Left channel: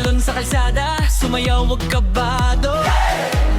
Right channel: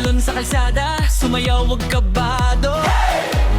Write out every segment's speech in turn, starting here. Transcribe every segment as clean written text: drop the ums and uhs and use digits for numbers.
Talon sa kalsada, sumayaw wag kabado.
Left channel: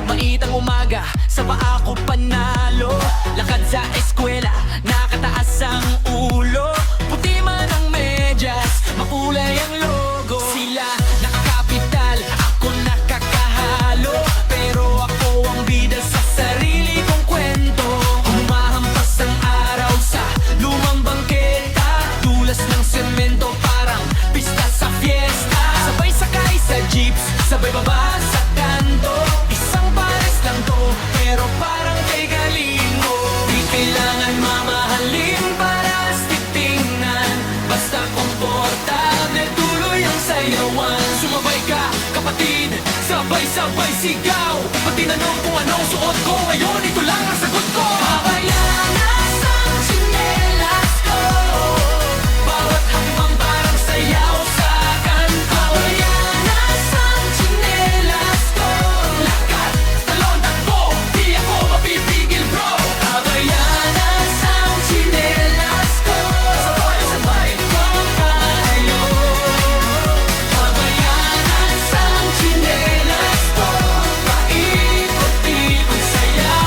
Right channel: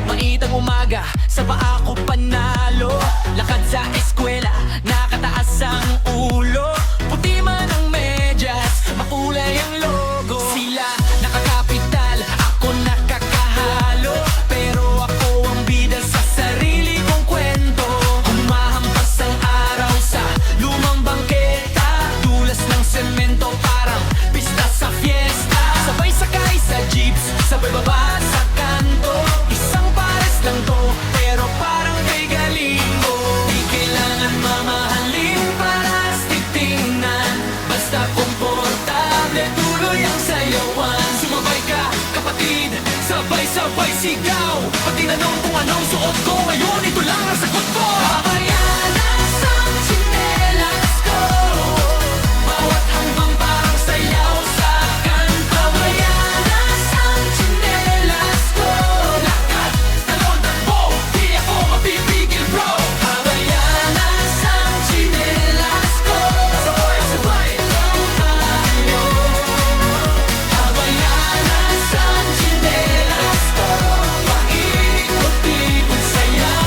Maitang umaga, sa paa ko panalo. Lakad sa eskwela, nakataas ang ulo. Puti man ang medyas, makulay ang logo. Sila nakakapital, ako nakakahalo. Pero ako ang bida sa sarili kong kwento. Humahampas ang araw sa lumang bangketa. Dulas ng semento, parang pista sa fiesta. Sabay sakay sa jeeps, sabay baba sa kanto. Isang pares lang to, pero parang kay galingo. Di kailangan mamahalin para tingnan. Basta komportable, tuloy ang sayawan. Sumabay ka, kapatid, sabay-sabay sigaw. Pag tinanong kung anong suot ko ngayon, ito lang ang sagot ko. Habayanas ang tsinelas ko. Bawat hambang parang sayaw sa kanto. Habayanas ang tsinelas ko. Lakad, talon, takbo, di ako mapipigil bro. Habayanas ang tsinelas ko. Sabay-sabay kong pahayo. Habayanas ang tsinelas ko. Paikot-ikot sayaw.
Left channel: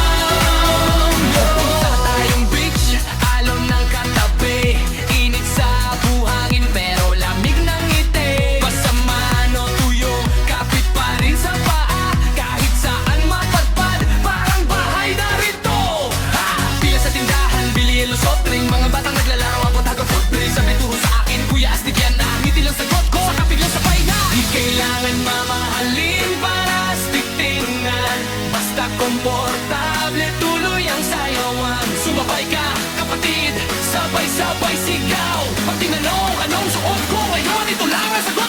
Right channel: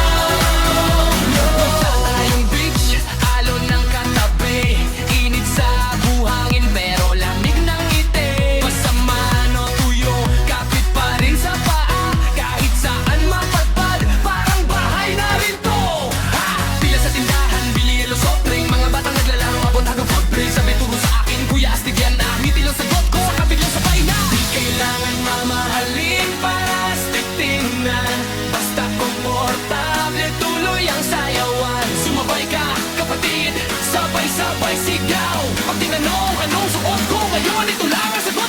Punta tayong beach, alon ng katabi. Init sa buhangin pero lamig ng ngiti. Basta mano tuyo, kapit pa rin sa paa. Kahit saan mapadpad, parang bahay na rin to. Ha! Pila sa tindahan, bili yelo soft drink. Mga batang naglalaro, abot hanggang footbridge. Sabi turo sa akin, kuya astig yan na. Ngiti lang sagot ko, saka biglang sabay na. Di kailangan mamahalin para astig tingnan. Basta komportable, tuloy ang sayawan. Sumabay ka, kapatid, sabay-sabay sigaw. Pag tinanong anong suot ko ngayon, ito lang ang sagot.